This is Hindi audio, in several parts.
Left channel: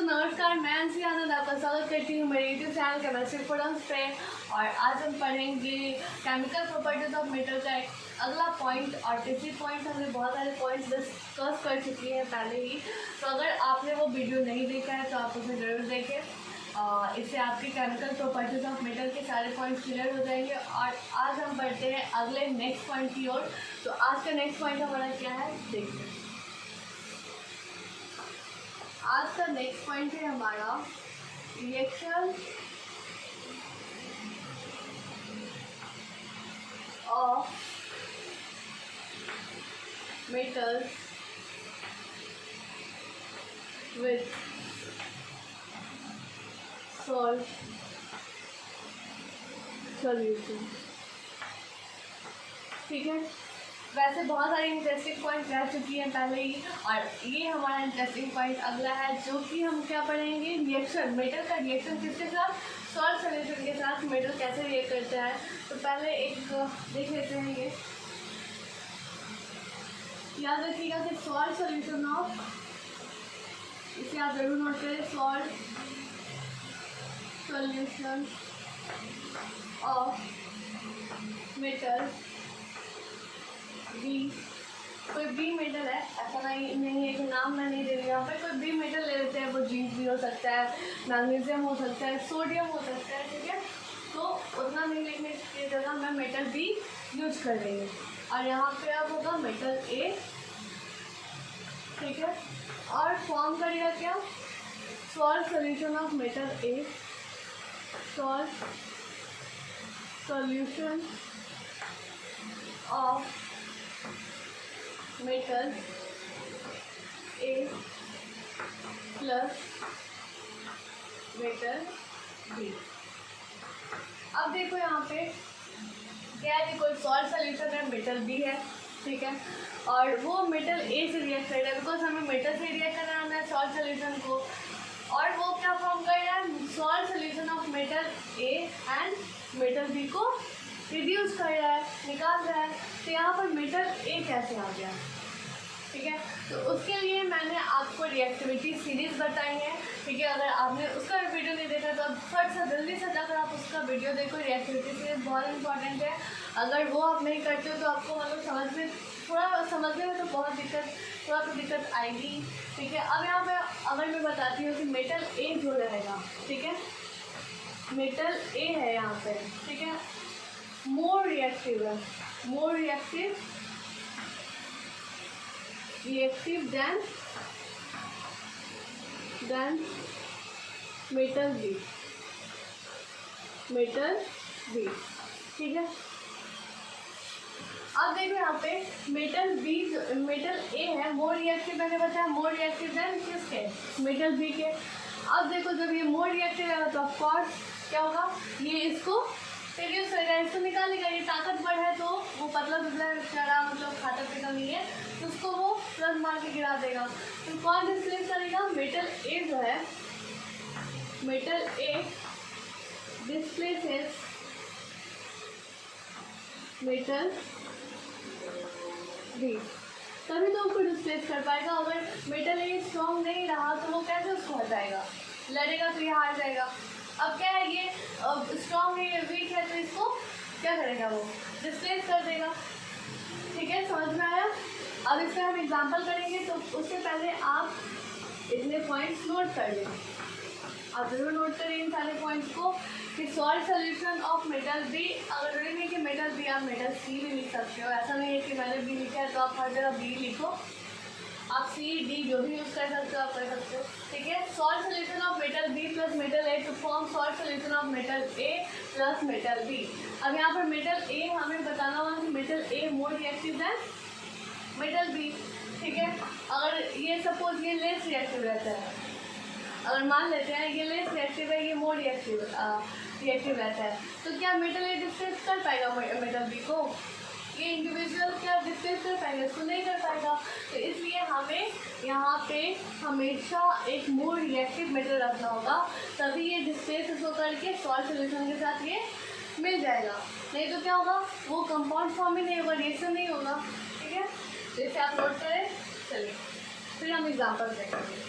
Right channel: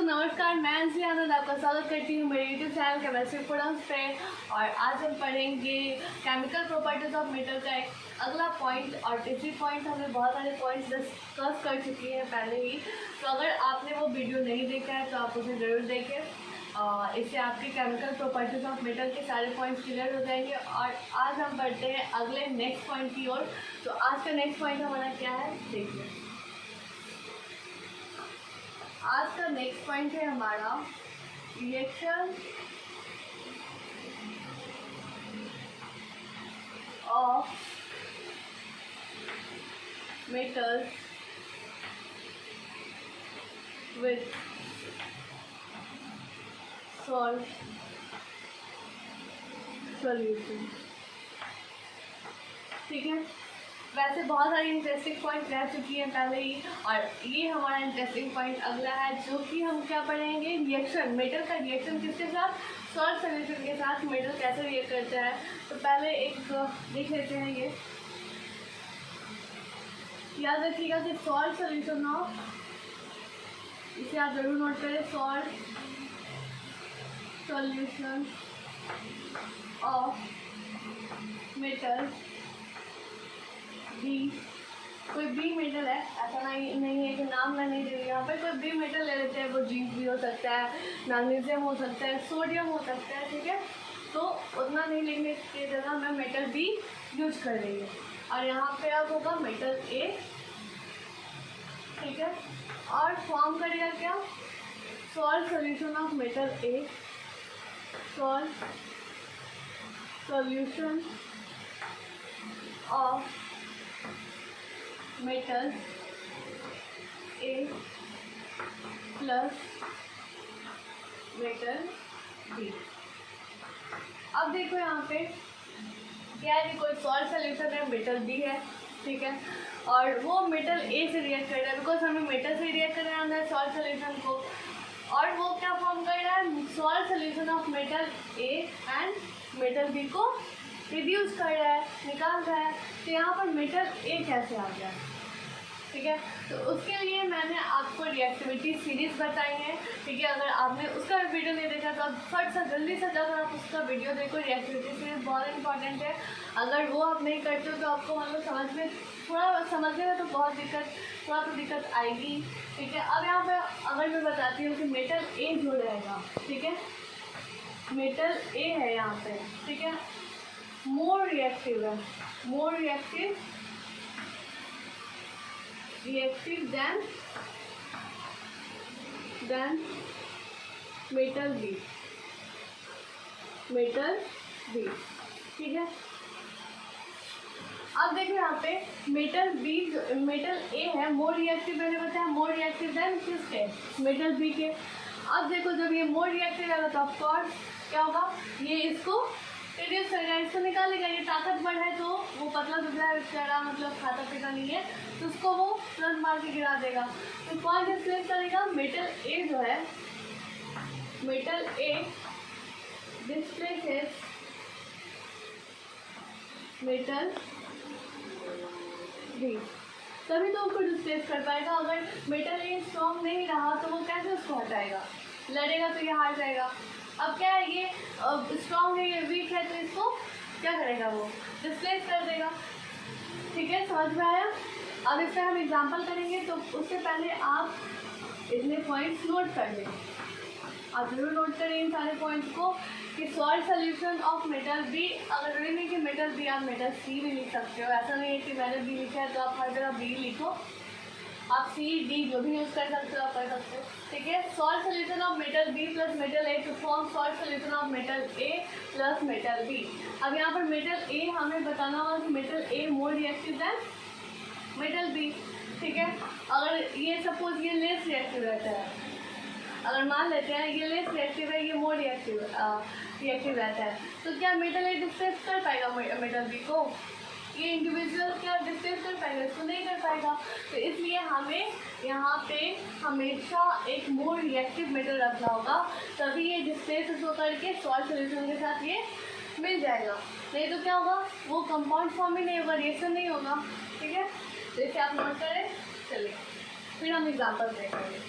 दोस्तों नमस्कार, मैं अंशी आनंद आपका स्वागत करती हूँ मेरे यूट्यूब चैनल केमिस्ट्री प्रोडक्ट्स पे। और आज हम पढ़ेंगे केमिकल प्रॉपर्टीज ऑफ मेटल का एक अगला पॉइंट। और तीसरी पॉइंट हमने बहुत सारे पॉइंट्स डिस्कस कर चुकी हैं पहले ही, तो अगर आपने वो वीडियो नहीं देखा है तो आप उसे ज़रूर देखें। इससे आपके केमिकल प्रॉपर्टीज ऑफ मेटल के सारे पॉइंट्स क्लियर हो जाएंगे। और आज हम बढ़ते हैं अगले नेक्स्ट पॉइंट की ओर। तो आज का नेक्स्ट पॉइंट हमारा क्या है देखिए। आज का नेक्स्ट पॉइंट है हमारा reaction of metals with salt solution. ठीक है, वैसे बहुत सारी इंटरेस्टिंग पॉइंट रह चुकी हैं पहले ही, और ये हमारा इंटरेस्टिंग पॉइंट अगला है जो कि हम क्या पढ़ेंगे, रिएक्शन मेटल का रिएक्शन किसके साथ, सॉल्ट सॉल्यूशन के साथ मेटल कैसे रिएक्ट करता है। तो पहले एक देख लेते हैं। ये याद रखिएगा कि सॉल्ट सॉल्यूशन ऑफ, इसे आप जरूर नोट करें, salt solution of metal B. कोई बी मेटल है, ऐसा नहीं है कि नाम मैं नहीं दे रही यहाँ पर, कोई बी मेटल ले लेते हैं। वो जिंक भी हो सकता है, मैग्नीशियम हो सकता है, सोडियम हो सकता है। ठीक है, तो उतना नहीं लिखने की जगह मैं मेटल बी यूज कर रही हूँ। और यहाँ पे अब होगा मेटल ए। ठीक है, और फॉर्म करेगा क्या, salt solution of metal A, salt solution of metal A plus metal B. अब देखो यहाँ पे क्या है कि कोई सॉल्ट सॉल्यूशन है, मेटल बी है। ठीक है, और वो मेटल ए से रिएक्ट कर रहा है, बिकॉज हमें मेटल से रिएक्ट करना है सॉल्ट सॉल्यूशन को। और वो क्या फॉर्म कर रहा है, salt solution of metal A and metal B को रिड्यूस कर रहा है, निकाल रहा है। तो यहाँ पर मेटल ए कैसे आ गया। ठीक है, तो उसके लिए मैंने आपको रिएक्टिविटी सीरीज बताई है। ठीक है, अगर आपने उसका वीडियो नहीं देखा तो फट से जल्दी से जाकर आप उसका वीडियो देखो। रिएक्टिविटी सीरीज बहुत इंपॉर्टेंट है, अगर वो आप नहीं करते हो तो आपको मतलब समझने में तो बहुत थोड़ा तो दिक्कत आएगी। ठीक है, अब यहाँ पे अगर मैं बताती हूँ कि मेटल ए जो रहेगा, ठीक है, मेटल ए है यहाँ पे, ठीक है, मोर रिएक्टिव है, more reactive than metal B, metal B. ठीक है, अब देखो यहाँ पे मेटल बी, मेटल ए है मोर रिएक्टिव, मैंने बताया मोर रिएक्टिव देन किसके, मेटल बी के। अब देखो जब ये मोर रिएक्टिव है तो ऑफकोर्स क्या होगा, ये इसको रिड्यूस करेगा, इसको निकालेगा। ये ताकतवर है तो वो पतला दुबला बेचारा मतलब खाता पीता नहीं है, तो उसको वो प्लस मार के गिरा देगा। तो कौन डिस्प्लेस करेगा, मेटल ए जो है, मेटल ए डिस्प्लेसेस मेटल बी, तभी तो उसको डिस्प्लेस कर पाएगा। अगर मेटल ए स्ट्रॉन्ग नहीं रहा तो वो कैसे उसको हटाएगा, लड़ेगा तो ये हार जाएगा। अब क्या है, ये स्ट्रॉन्ग है, ये वीक है, तो इसको क्या करेगा, वो डिस्प्लेस कर देगा। ठीक है, समझ में आया। अब इसका हम एग्जांपल करेंगे, तो उससे पहले आप इतने पॉइंट्स नोट कर लें। आप जरूर नोट करें इन सारे पॉइंट्स को कि salt solution of metal B, अगर जरूरी नहीं कि मेटल बी, आप मेटल सी भी लिख सकते हो। ऐसा नहीं है कि मैंने बी लिखा है तो आप हर जगह बी लिखो, आप सी डी जो भी यूज़ कर सकते हो आप कर सकते हो। ठीक है, salt solution of metal B plus metal A to form salt solution of metal A plus metal B. अब यहाँ पर मेटल ए हमें बताना होगा कि metal A more reactive than metal B. ठीक है, अगर ये सपोज ये लेस रिएक्टिव रहता है, अगर मान लेते हैं ये लेस रिएक्टिव है, ये मोर रिएक्टिव रहता है, तो क्या मेटल ए डिस्प्लेस कर पाएगा मेटल बी को, ये इंडिविजुअल क्या डिस्प्लेस कर पाएगा, इसको नहीं कर पाएगा। तो इसलिए हमें यहाँ पे हमेशा एक मोर रिएक्टिव मेटल रखना होगा, तभी ये डिस्प्लेस इसको करके सॉल्ट सॉल्यूशन के साथ ये मिल जाएगा। नहीं तो क्या होगा, वो कंपाउंड फॉर्म ही नहीं होगा, रिएक्शन नहीं होगा। ठीक है, तो इसे आप नोट करें। चलिए फिर हम एग्जाम्पल देखेंगे।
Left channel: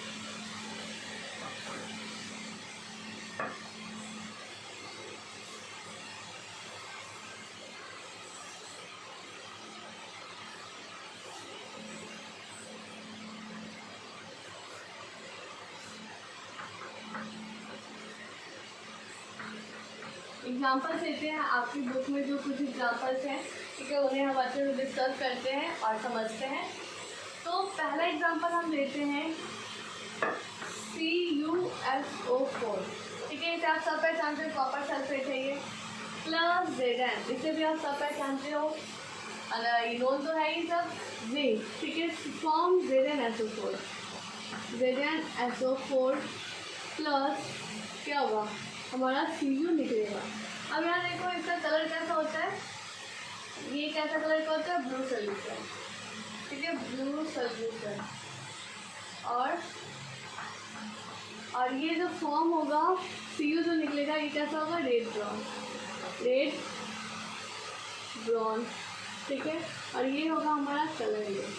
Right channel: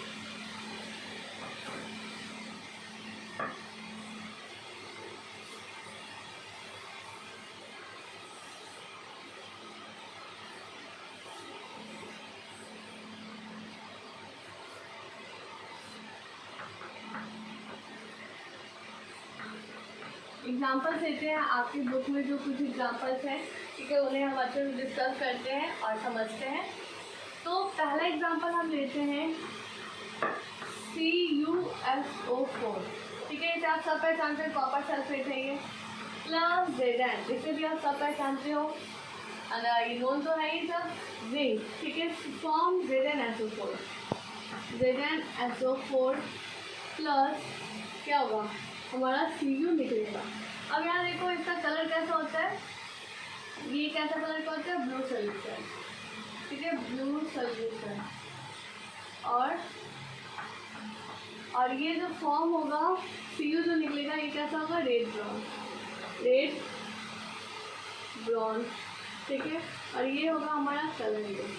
एग्जाम्पल्स लेते हैं, आपकी बुक में जो कुछ एग्जाम्पल्स हैं, ठीक है, उन्हें हम अच्छे से डिस्कस करते हैं और समझते हैं। तो पहला एग्जाम्पल हम लेते हैं CuSO4, ठीक है, इसे आप सब पहचानते हो, कॉपर सल्फेट है ये, प्लस Zn, इसे भी आप सब पहचानते हो, ये नोन तो है ही सब, जिंक, ठीक है, फॉर्म ZnSO4, ZnSO4 प्लस क्या होगा हमारा Cu निकलेगा। अब यहाँ देखो इसका कलर कैसा होता है, ये कैसा कलर का होता है, ब्लू सोल्यूशन, ठीक है, ब्लू सोल्यूशन। और ये जो फॉर्म होगा Cu जो निकलेगा ये कैसा होगा, रेड ब्राउन, ठीक है, और ये होगा हमारा कलरलेस,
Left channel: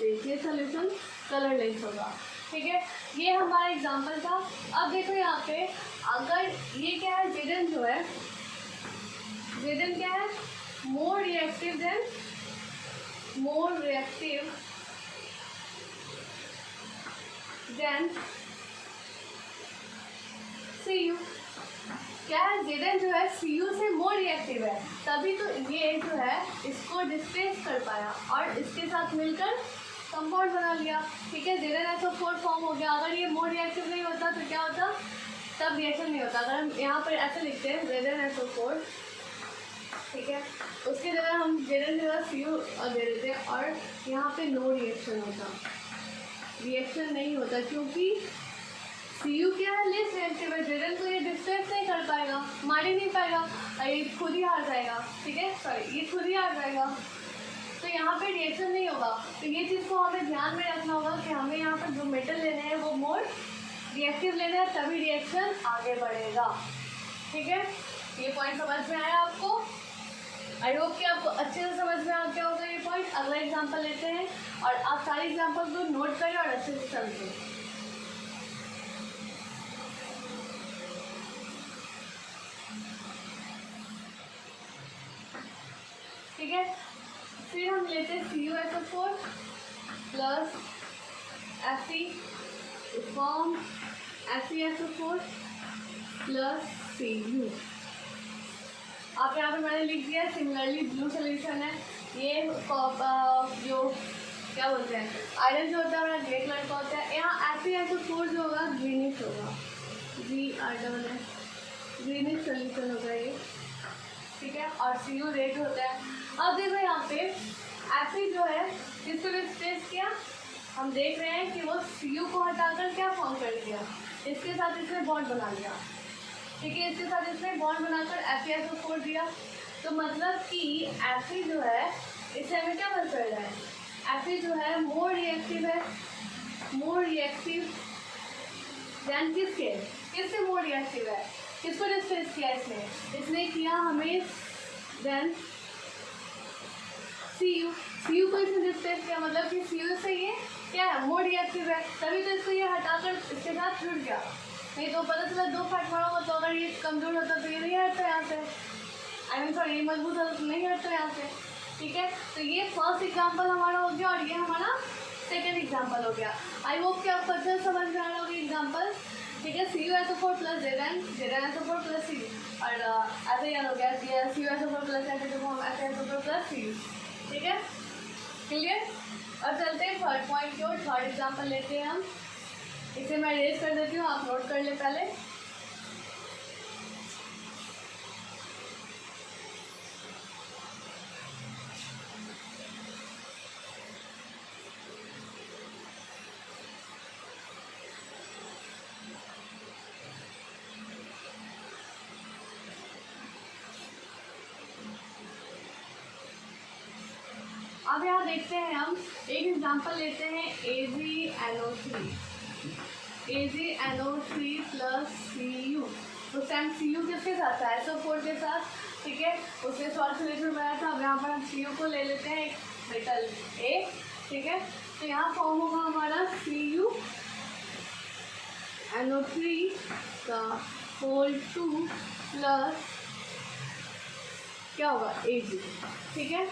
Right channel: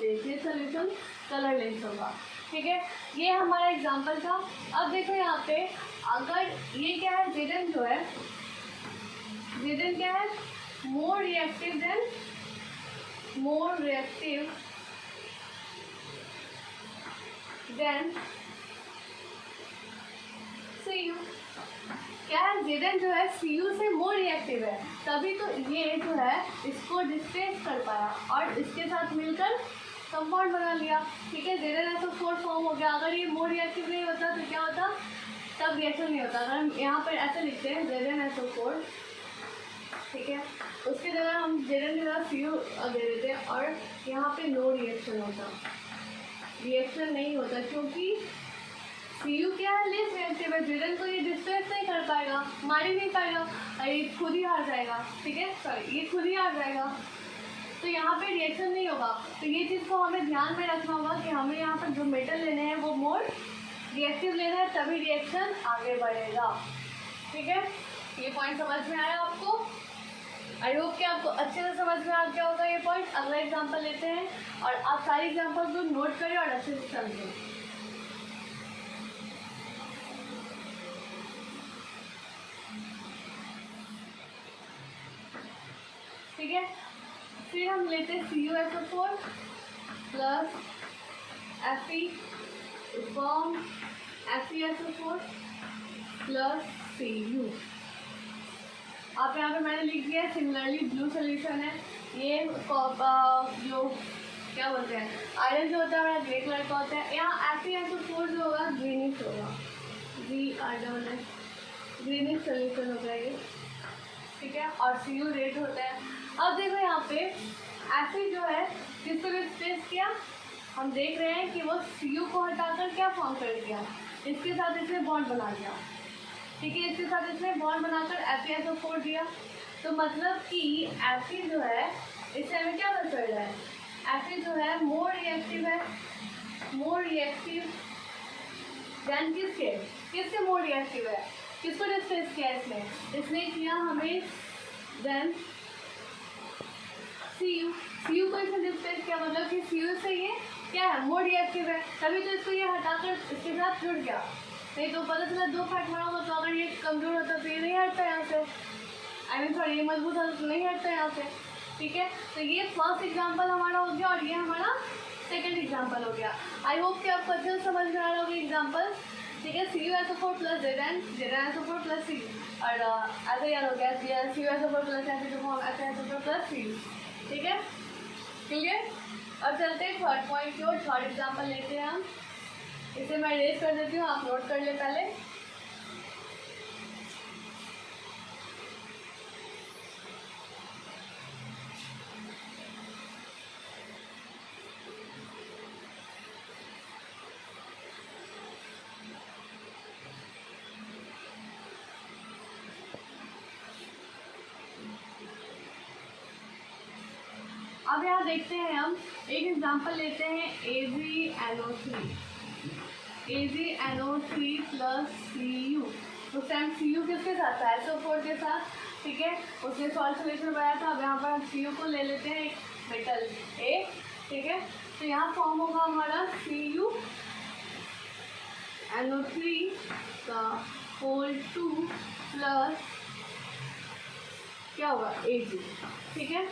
ये सोल्यूशन कलरलेस होगा, ठीक है। ये हमारा एग्जांपल था। अब देखो यहाँ पे अगर ये क्या है, Zn जो है, Zn क्या है, मोर रिएक्टिव देन Cu, क्या है, Zn जो है Cu से मोर रिएक्टिव है, तभी तो ये जो है इसको डिस्प्लेस कर पाया और इसके साथ मिलकर कंपाउंड बना लिया, ठीक है, ZnSO4 फॉर्म हो गया। अगर ये मोर रिएक्टिव नहीं होता तो क्या होता, तब रिएक्शन नहीं होता। अगर हम यहाँ पर ऐसे लिखते हैं ZnSO4, ठीक है, उसके जगह हम Zn जगह Cu दे देते और यहाँ पे नो रिएक्शन होता, रिएक्शन नहीं होता क्योंकि Cu क्या है, लेस रिएक्टिव है, Zn को ये डिस्प्लेस नहीं कर पाएगा, मार ही नहीं पाएगा, ये खुद ही हार जाएगा, ठीक है, सॉरी ये खुद ही हार जाएगा, तो यहाँ पे रिएक्शन नहीं होगा। तो ये चीज़ को हमें ध्यान में रखना होगा कि हमें यहाँ पर जो मेटल लेने हैं वो मोर रिएक्टिव लेना है, तभी रिएक्शन आगे बढ़ेगा, ठीक है। ये पॉइंट समझ में आया आपको? आई होप कि आपको अच्छे से समझ में आ गया होगा ये पॉइंट। अगला एग्जाम्पल लेते हैं और आप सारे एग्जाम्पल को नोट करें और अच्छे से समझें। ठीक है, फिर हम लेते हैं CuSO4 plus Fe, form FeSO4 plus Cu। आप यहाँ पे मैंने लिख दिया, सिमिलरली ब्लू सोल्यूशन है, ये जो क्या बोलते हैं, आयरन जो होता है हमारा ग्रे कलर का होता है, यहाँ FeSO4 जो होगा ग्रीनिश होगा, ग्रीनिश सोल्यूशन होगा ये, ठीक है, और Cu रेड होता है। अब देखो यहाँ पे Fe जो है जिसको भी स्पेस किया, हम देख रहे हैं कि वो Cu को हटाकर क्या फॉर्म कर दिया, इसके साथ इसने बॉन्ड बना लिया, ठीक है, इसके साथ इसने बॉन्ड बनाकर FeSO4 दिया। तो मतलब कि Fe जो है इससे हमें क्या पता चल रहा है, Fe जो है मोर रिएक्टिव है, मोर रिएक्टिव देन किससे मोर रिएक्टिव है, किसको डिस्प्लेस किया इसने किया हमें देन Cu को इसने डिस्प्लेस किया, मतलब कि Cu से ये क्या है, मोर रिएक्टिव है, तभी तो इसको ये हटाकर इसके साथ जुड़ गया। नहीं तो पता चला दो फैट मारा होगा तो अगर ये कमजोर होता तो ये नहीं हटता यहाँ से, सॉरी ये मजबूत होता तो नहीं हटता यहाँ से, ठीक है। तो ये फर्स्ट एग्जांपल हमारा हो गया और ये हमारा सेकंड एग्जांपल हो गया। आई होप कि आपको अच्छे से समझ में आ रहा होगा एग्जांपल, ठीक है। CuSO4 plus ZnSO4 plus Cu, और ऐसे याद हो गया CuSO4 plus FeSO4 plus Cu, ठीक है, क्लियर। अब चलते हैं थर्ड पॉइंट की ओर, थर्ड एग्जाम्पल लेते हैं हम, इसे मैं रेज कर देती हूँ, आप नोट कर ले पहले। अब यहाँ देखते हैं हम एक एग्जांपल लेते हैं AgNO3 प्लस Cu। तो सेम Cu किसके साथ था, SO4 के साथ, ठीक है, उसने सॉल्ट सोल्यूशन बनाया था। अब यहाँ पर हम Cu को ले लेते हैं, एक मेटल A, ठीक है। तो यहाँ फॉर्म होगा हमारा CuNO3 का होल 2 प्लस क्या होगा Ag, ठीक है।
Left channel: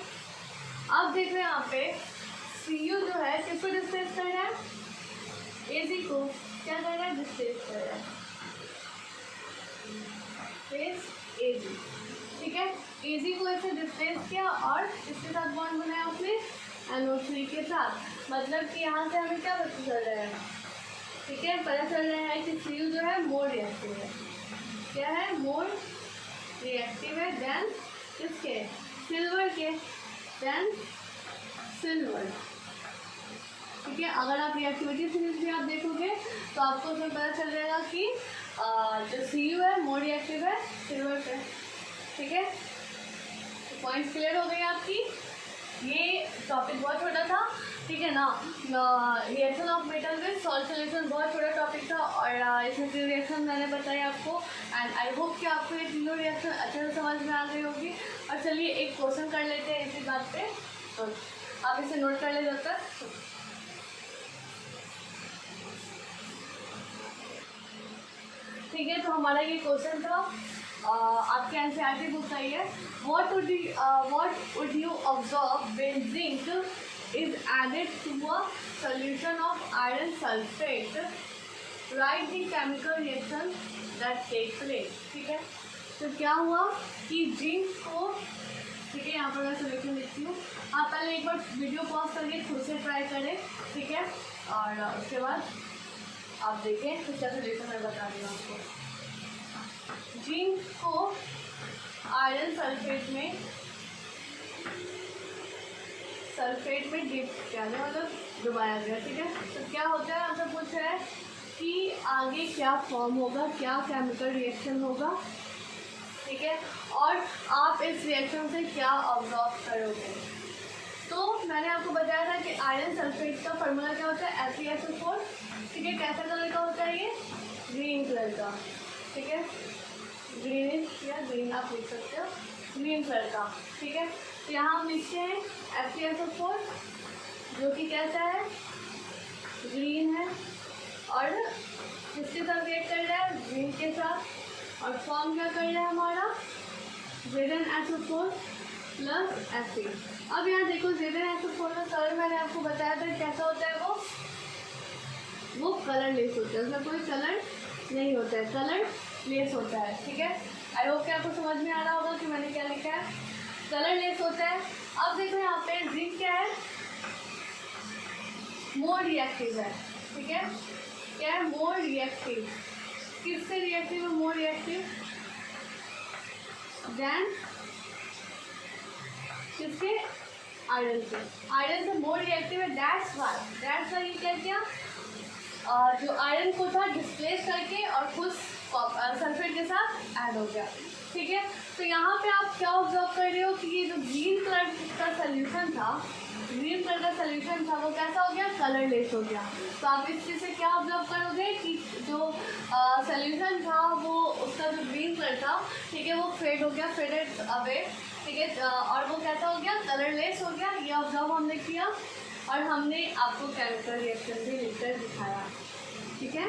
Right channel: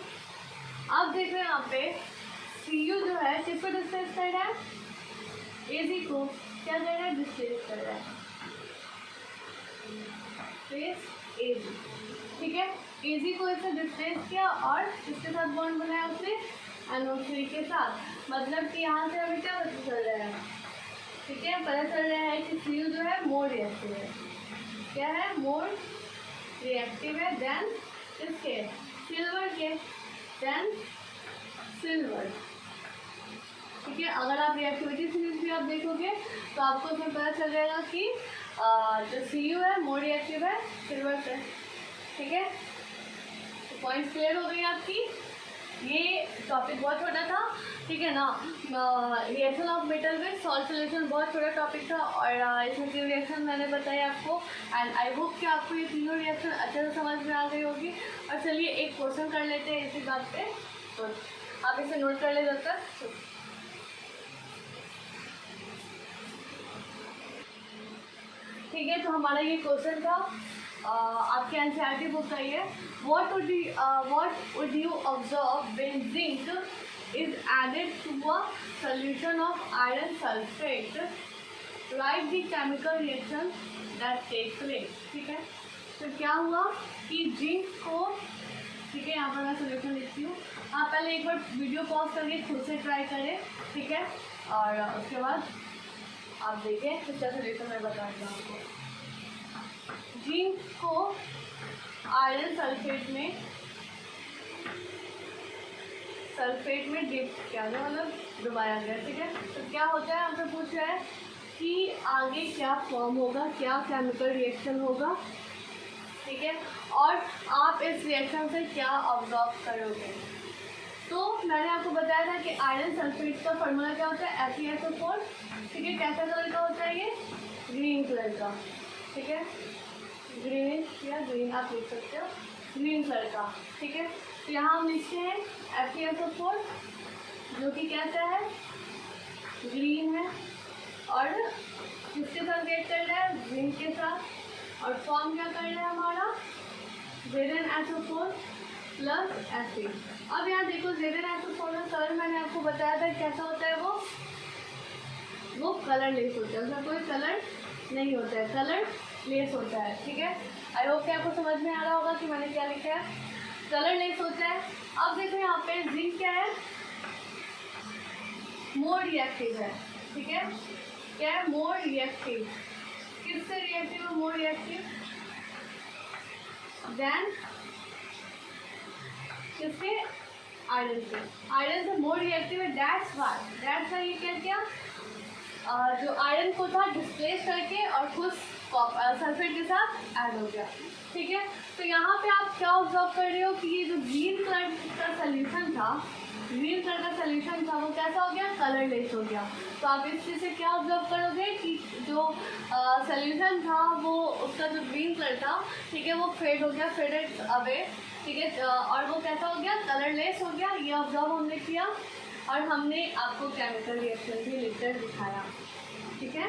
अब देख रहे हैं यहाँ पे Cu जो है किसको डिस्प्लेस कर रहा है, Ag को क्या कर रहा है, डिस्प्लेस कर रहा है, डिस्प्लेस Ag, ठीक है। Ag को इससे डिस्प्लेस किया और इसके साथ बॉन्ड बनाया उसने NO3 के साथ, मतलब कि यहाँ से हमें क्या पता चल रहा है, ठीक है, पता चल रहा है कि Cu जो है मोर रिएक्टिव है। क्या है? मोर रिएक्टिव है देन किसके? सिल्वर के, देन सिल्वर, ठीक है। अगर आप रिएक्टिविटी सीरीज भी आप देखोगे तो आपको उसमें पता चल जाएगा कि जो Cu है मोर रिएक्टिव है सिल्वर से, ठीक है। तो पॉइंट क्लियर हो गई आपकी। ये टॉपिक बहुत छोटा था, ठीक है ना। Reaction of metal with salt solution बहुत छोटा टॉपिक था और इसमें जो रिएक्शन मैंने बताया आपको, एंड आई होप कि आपको ये तीनों रिएक्शन अच्छे से समझ में आ गई होगी। और चलिए एक क्वेश्चन कर लेते हैं इसी बात पे, तो आप इसे नोट कर ले जब तक। ठीक है, तो हमारा ये क्वेश्चन था, आपके एनसीईआरटी बुक का ही है। What would you observe when zinc is added to a solution of iron sulphate? Write the chemical reaction that take place, ठीक है। तो क्या हुआ कि जिंक को, ठीक है, यहाँ पर मैं सोल्यूशन लिखती हूँ, आप पहले एक बार वीडियो पॉज करके खुद से ट्राई करें, ठीक है, और उसके बाद आप देखें इसका सोल्यूशन मैं बता रही हूँ आपको। जिंक को आयरन सल्फेट में डिप किया गया, मतलब डुबाया गया, ठीक है। तो क्या होता है, हमसे पूछ रहा है कि आगे क्या फॉर्म होगा, क्या केमिकल रिएक्शन होगा, ठीक है, और आप इस रिएक्शन से क्या ऑब्जर्व करोगे। तो मैंने आपको बताया था कि आयरन सल्फेट का फॉर्मूला क्या होता है, FeSO4, ठीक है। कैसा कलर का होता है ये? ग्रीन कलर का, ठीक है, ग्रीनिश या ग्रीन आप लिख सकते हो, ग्रीन कलर का, ठीक है। तो यहाँ हम लिखते हैं FeSO4 जो कि कैसा है, ग्रीन है, और किसके साथ रिएक्ट कर रहा है, ग्रीन के साथ, और फॉर्म क्या कर रहा है हमारा, ZnSO4 प्लस Fe। अब यहाँ देखो ZnSO4 का कलर मैंने आपको बताया था कैसा होता है, वो कलरलेस होता है, उसमें कोई कलर नहीं होता है, कलर लेस होता है, ठीक है। आई होप कि आपको समझ में आ रहा होगा कि मैंने क्या लिखा है, कलर लेस होता है। अब देखो यहाँ पे जिंक क्या है, मोर रिएक्टिव है, ठीक है। क्या है? More reactive. किससे रिएक्टिव है मोर रिएक्टिव? देन किससे? आयरन से। आयरन से मोर रिएक्टिव है, दैट्स वाई ये क्या किया, जो आयरन को था डिस्प्लेस करके और खुद सल्फेट के साथ ऐड हो गया, ठीक है। तो यहाँ पे आप क्या ऑब्जर्व कर रहे हो कि ये जो ग्रीन कलर का सोल्यूशन था, वो कैसा हो गया, कलरलेस हो गया। तो आप इस चीज़ से क्या ऑब्जर्व करोगे कि जो सोल्यूशन था वो उसका जो ग्रीन कलर था, ठीक है, वो फेड हो गया, फेडेड अवे, ठीक है, और वो कैसा हो गया, कलरलेस हो गया। ये ऑब्जर्व हमने किया और हमने आपको केमिकल रिएक्शन भी लिखकर दिखाया, ठीक है,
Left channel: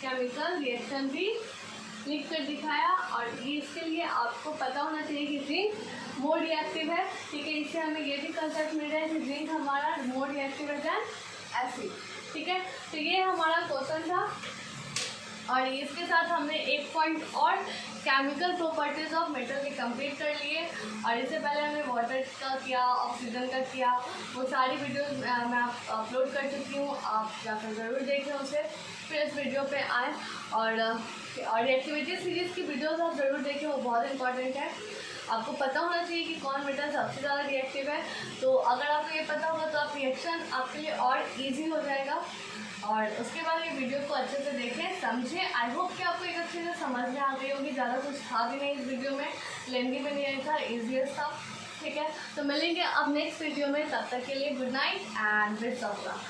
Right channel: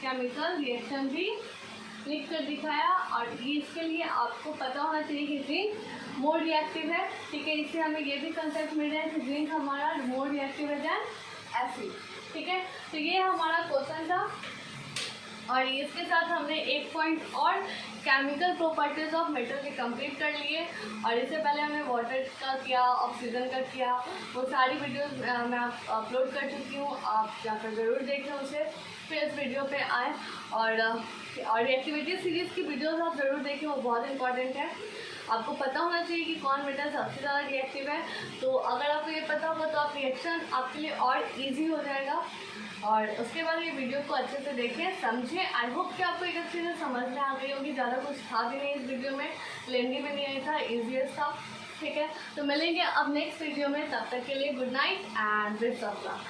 केमिकल रिएक्शन भी लिख कर दिखाया। और ये इसके लिए आपको पता होना चाहिए कि जिंक मोर रिएक्टिव है, ठीक है। इससे हमें ये भी कंसेप्ट मिल रहा है कि जिंक हमारा मोर रिएक्टिव है देन Fe, ठीक है। तो ये हमारा क्वेश्चन था और इसके साथ हमने एक पॉइंट और केमिकल प्रॉपर्टीज ऑफ मेटल के कंप्लीट कर लिए। और इससे पहले हमने वाटर का किया, ऑक्सीजन का किया, वो सारी वीडियोस मैं अपलोड कर चुकी हूँ, आप जाकर ज़रूर देखें उसे। फिर इस वीडियो पे आएँ और रिएक्टिविटी सीरीज़ की वीडियोस आप ज़रूर देखें, वो बहुत इंपॉर्टेंट है। आपको पता होना चाहिए कि कौन मेटल सबसे ज़्यादा रिएक्टिव है। तो अगर आपको ये पता होगा तो आप रिएक्शन आपके लिए और ईजी हो जाएगा। और उसके बाद ये वीडियो को अच्छे से देखें, समझें। आई होप कि आपको एक अच्छे से समझ में आ गई होगी। ज़्यादा कुछ था भी नहीं इस वीडियो में, लेंदी भी नहीं था, ईजीएस्ट था, ठीक है। तो मिलेंगे अब नेक्स्ट वीडियो में, तब तक के लिए good night and best of luck.